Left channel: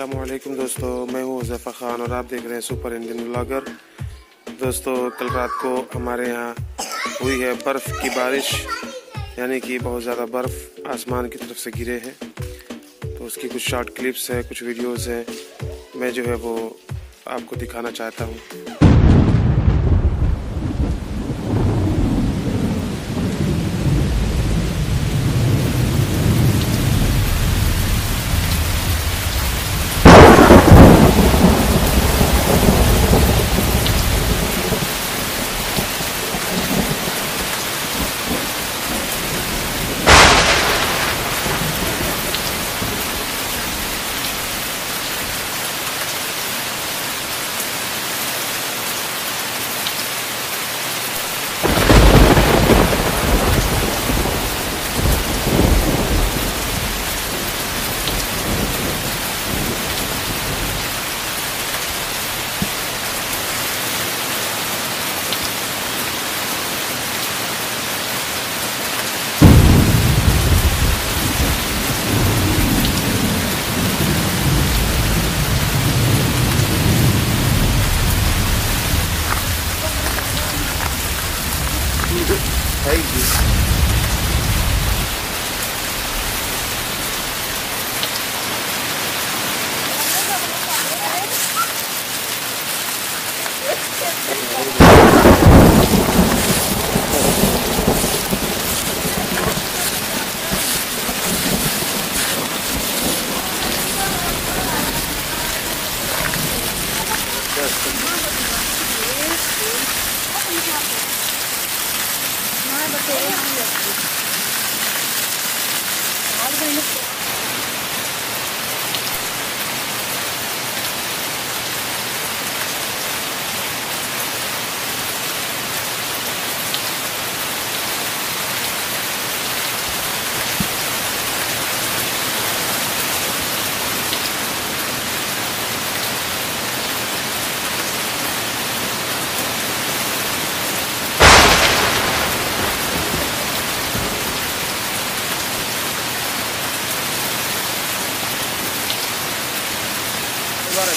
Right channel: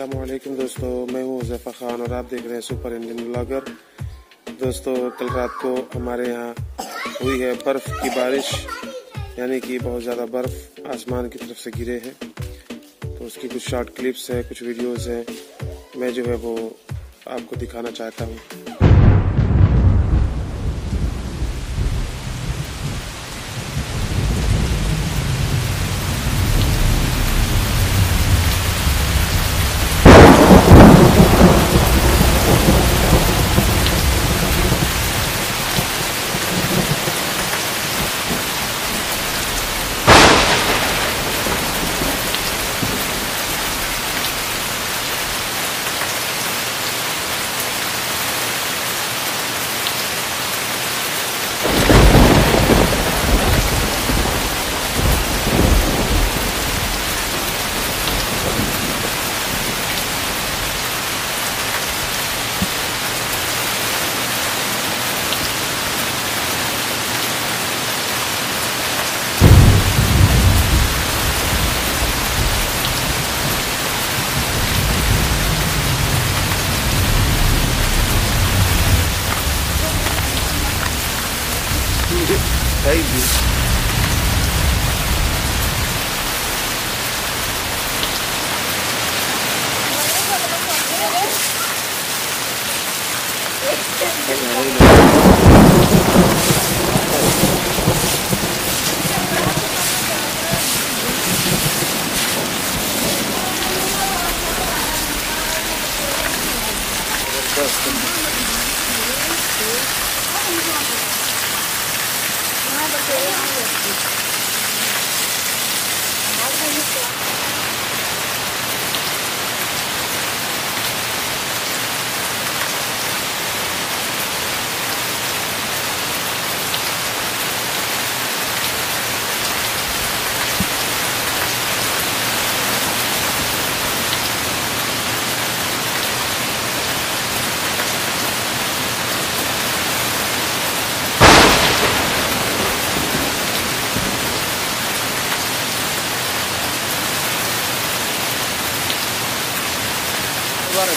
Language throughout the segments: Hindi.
अस्सलामुअलैकुम दोस्तों, मैं हूँ हुज़ैफ़ा खान और आप देख रहे हैं सुपर इंडियन व्लॉगर। दोस्तों, कल रात को हमारे यहाँ हुई है बर्फ़ की बारिश, यानी कि बहुत ज़्यादा बर्फ़ आसमान की तरफ से गिरे हैं। तो उसकी कुछ शॉर्ट क्लिप्स हैं, कुछ वीडियोस हैं, मैं जो है वो आपको दिखाना चाहता हूँ।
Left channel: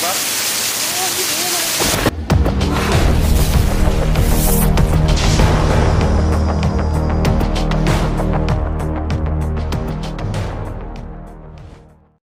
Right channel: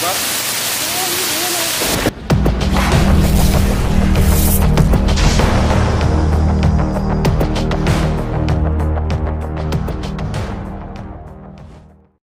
बार